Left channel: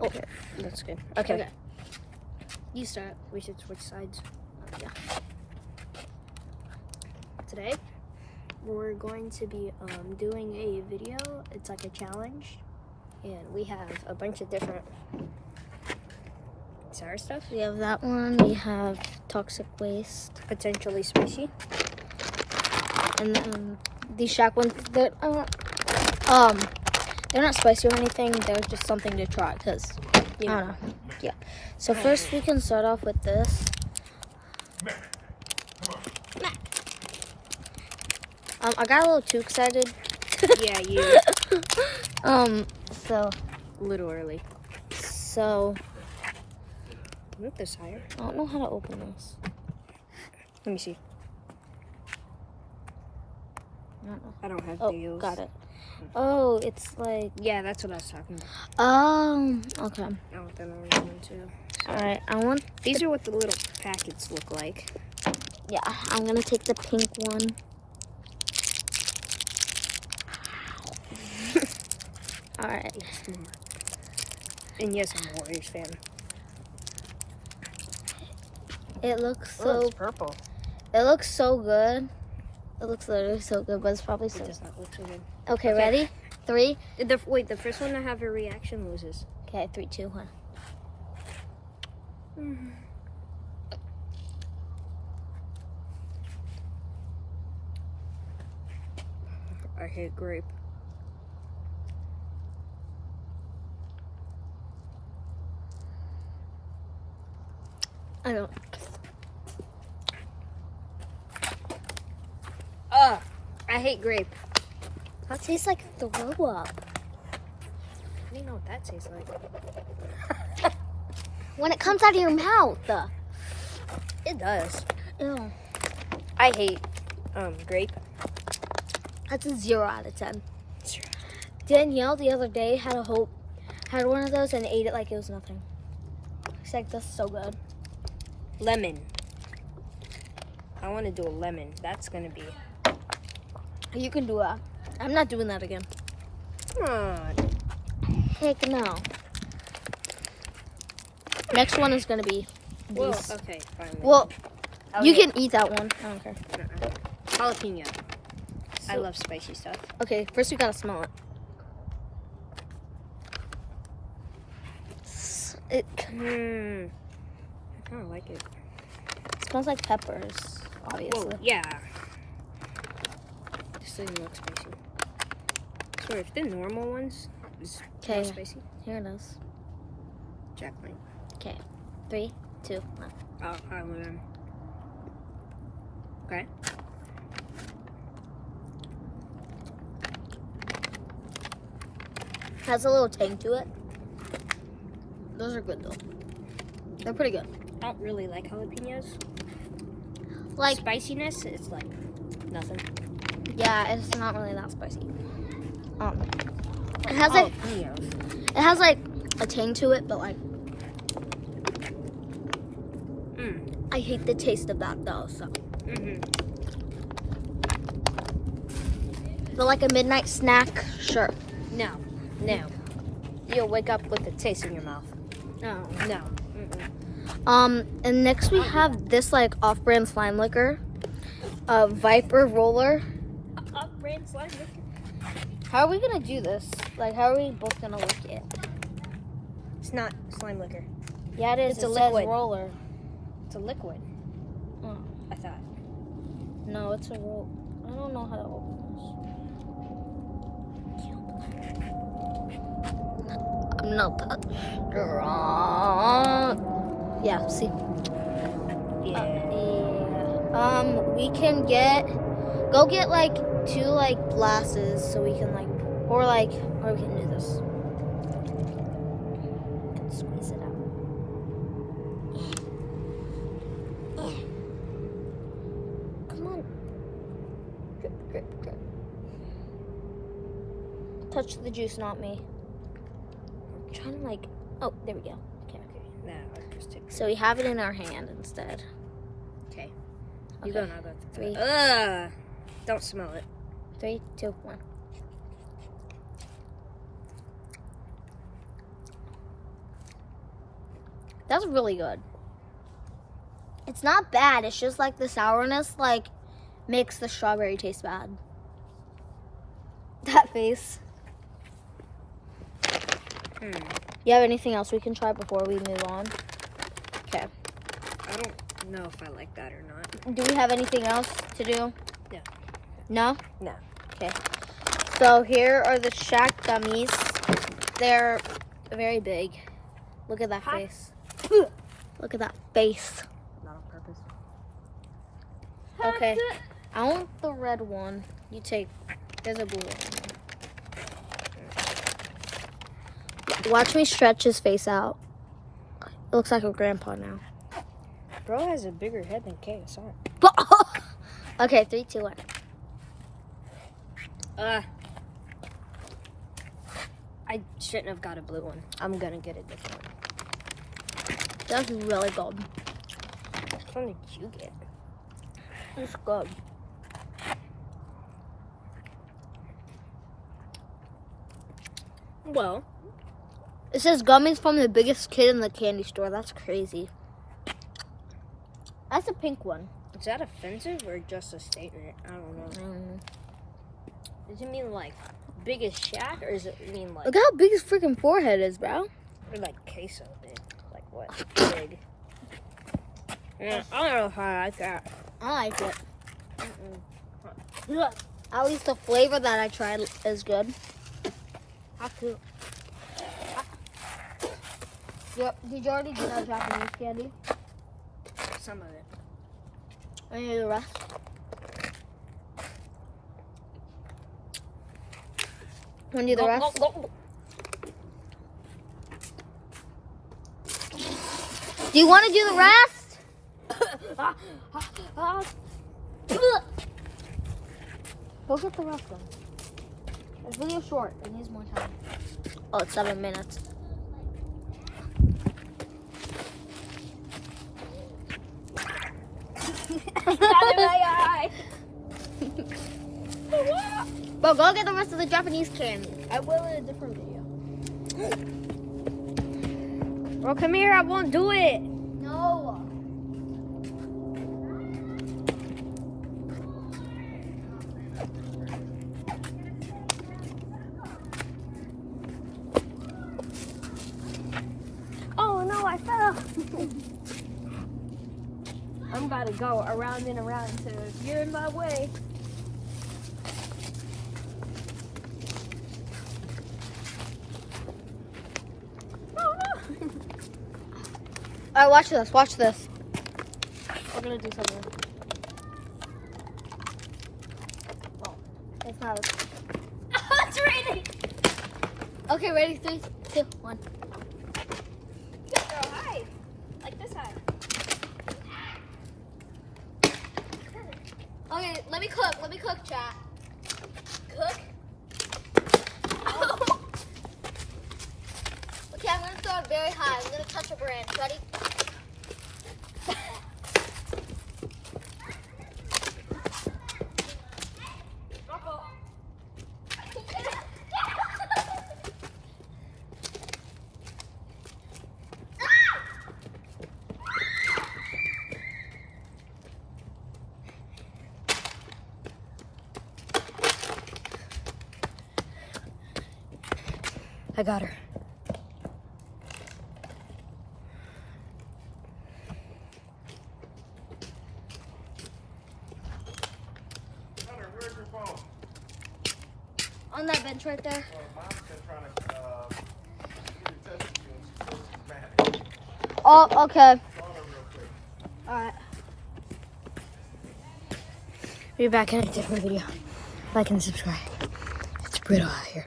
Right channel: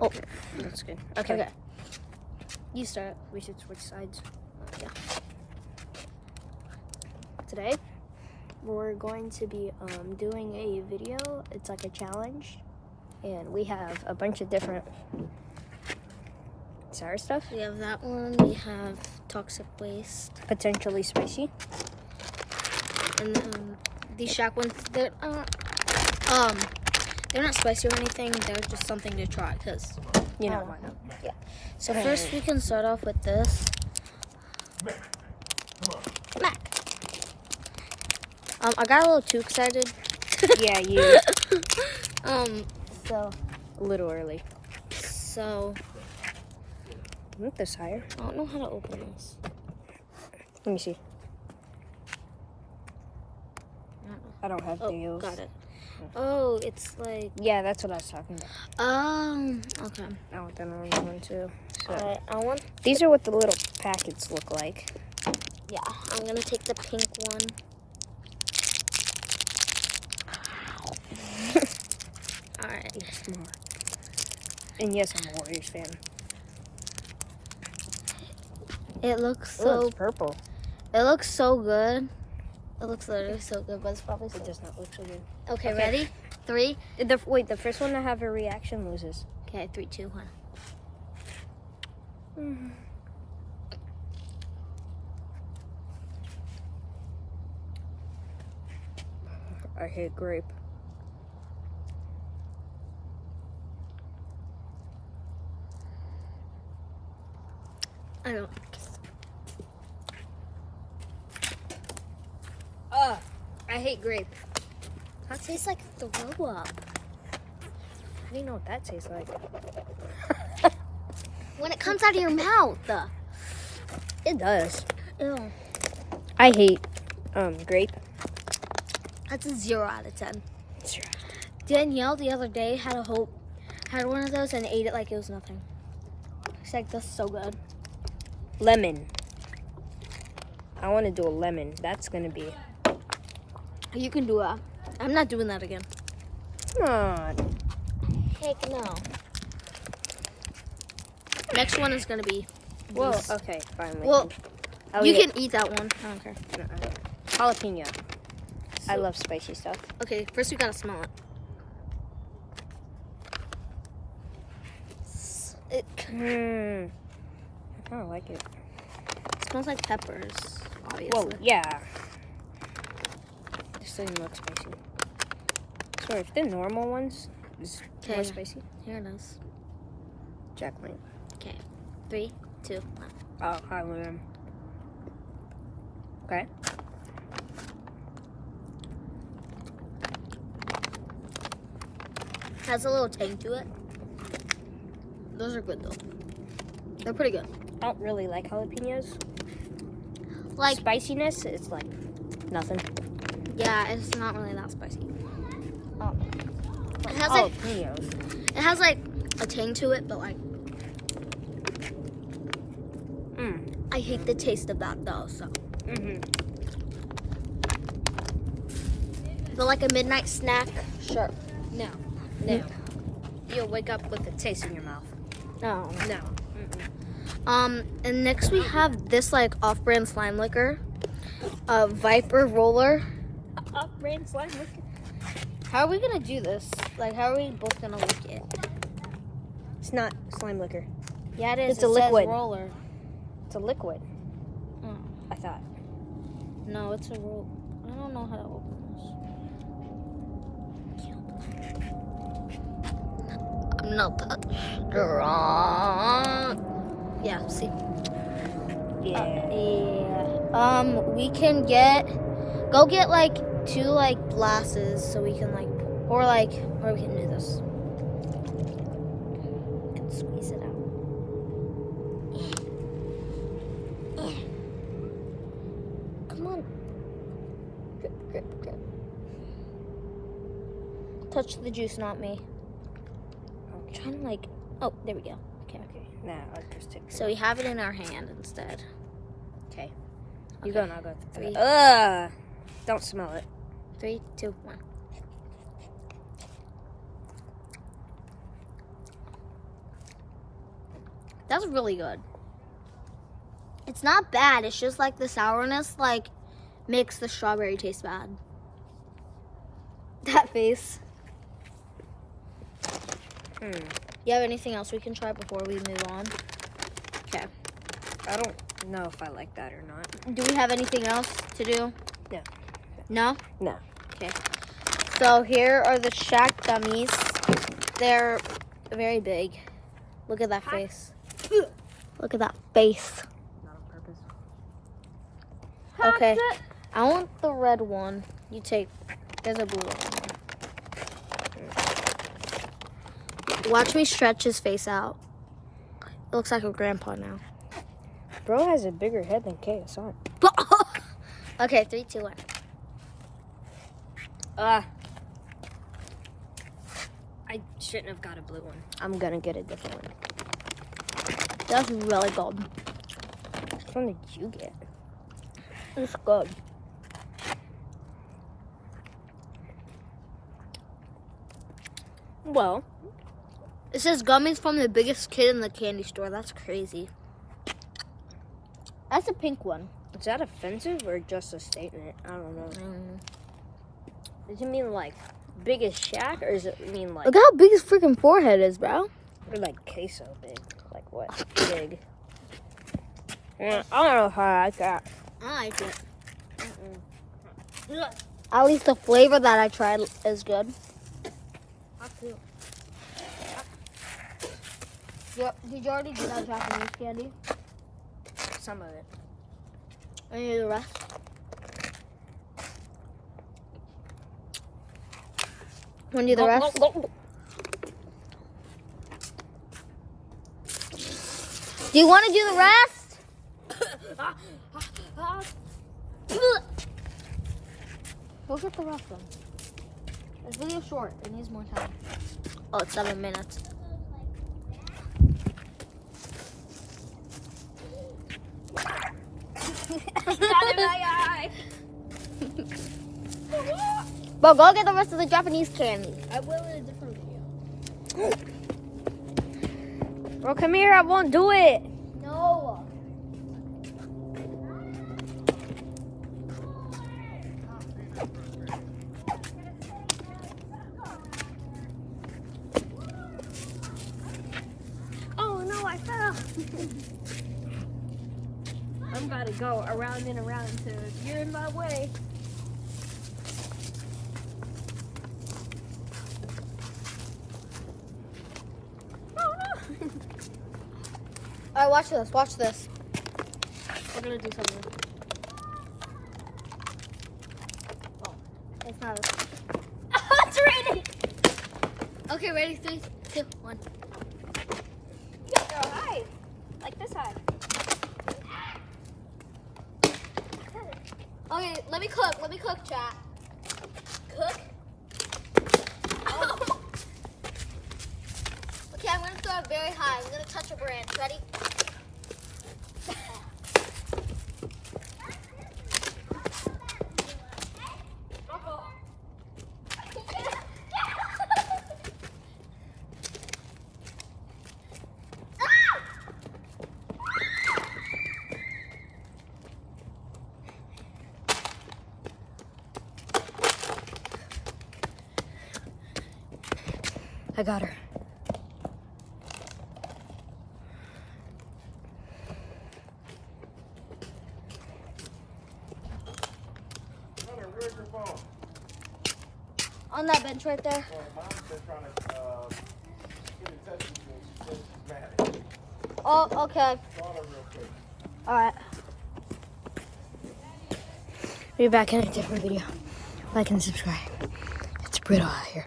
Okay, that's good. Okay. You start. We should switch sides. Yeah. Today, we're going to be doing a video. It's like a challenge. And we have a bunch of different sour stuff. We have that one. We have toxic waste. Potentially spicy. And then these Shack ones that they're not spicy or anything. They're just something to try because You know. Yeah. So first we can start off with this. I got a little too excited. Yeah, you. So A little early. so Move this higher. I don't know how to open this. Let me see. I don't know. I don't have Oh, deals. got it. Oh, it's like Yeah, that's what I was talking about. okay. I want the orange one too. So, Alright, I want these are what the little packets look like. yeah, I'm gonna take the pink one. Alright. Yes, more. And yes, I'm a Warriors fan. It looks It so looks purple. it looks so good. It looks literally so good, but it's probably It so does not look so good. Okay, Okay. ready? 3. Wait, the first one to have a reaction loses. Okay, 3, 2, 1. I hate grape. I don't. Ugh, I hate grape. That tastes like throw up. I don't know what that tastes like. When it comes out of your mouth. It does. Ew. I hate grape. That's a 0 out of 10. Danielle the other day had one of those and ate it like it was nothing. She's like, "That's so good." Lemon. I want to do a lemon. That's gonna be. You can do that. I'm not doing that again. Come on. Heck no. Next one is gonna be. Well, these. okay, fine. Well, I'll you eat it. can eat that one. I don't care. Jalapeno. I love spicy stuff. Okay, first we gotta smell it. It I kind of like it. smells like peppers, obviously. Whoa, yeah. This doesn't look spicy. So if the normal ones is more spicy, Here it is. Jacqueline. Okay, 3, 2, 1. Oh, I will. Okay. Has a little tang to it. Those are good though. They're pretty good. I don't really like jalapenos. Like, Spiciness is like nothing. yeah, it's not really that spicy. It has Jalapenos. it has like a tang to it, but like I hate the taste of that though. So, but like a midnight snack, sure. No. You'll wake up with a taste in your mouth. No. No. And next we have this like off-brand slime liquor, Viper Roller. Off-brand slime liquor. How are we gonna do this? Like, how are we both gonna lick it? It's not slime liquor. Yeah, it is. It's a it says liquid. roller. It's a liquid. Oh. I thought. No, it's a roll. I don't know how to open this. I'm not that strong. Yeah, see. Yeah. We can go get like 2 like glasses so we can like, or we can do this. Squeeze it out. Come on. Drip, drip, drip. Touch the juice, not me. I'm trying to like, oh, there we go. Okay. Now I'll just take. So we have it in our hand instead. Okay. Okay. You go, and I'll go. 3, Ugh. Don't smell it. 3, 2, 1. That's really good. It's not bad. It's just like the sourness like makes the strawberry taste bad. That face. You have anything else we can try before we move on? Okay. I don't know if I like that or not. Do we have anything else to do? No. No? No. Okay. So here are the Shaq gummies. They're very big. Look at that face. Look at that face. Not on purpose. Okay. I want the red one. You take. There's a blue one. Watch me stretch his face out. It looks like a grandpa now. Bro has a bigger head than KSI. Okay, 3, 2, 1. I shouldn't have got a blue one. I'm gonna get a different one. That's really good. Which one did you get? It's good. Well, It says gummies from the biggest kid in the candy store. That's crazy. That's a pink one. is that offensive or just a statement? I don't know. Does it mean like biggest Shaq or does it mean like Look how big his freaking forehead is, bro. or like queso big? Like what? Big. Yeah, I don't know if I like that. I like it. Look, at least the flavor that I tried is good. Yep. Did you already do that Japanese candy? Some of it. Or you do the rest? Want to do the rest? Do you want to do the rest? Go get the rest then. This video's short. It needs more time. Oh, it's 7 minutes. But go get the rest of the Japanese candy. I will in a different video. Bro, come here. I won't do it. No. Oh, no, I fell. I'm about to go around and around until you're in my way. Oh, no. All right, watch this. Watch this. We're gonna do something. Oh, it's not. It's raining. Okay, ready? 3, 2, 1. High. Like this high. Okay, let me cook. Let me cook, chat. Cook. Okay, I'm gonna throw it very high. I'm gonna touch a branch. Ready? I got her. On that bench right there. Oh, okay. All right. Be back at a different video. Like and subscribe. It's brutal out here.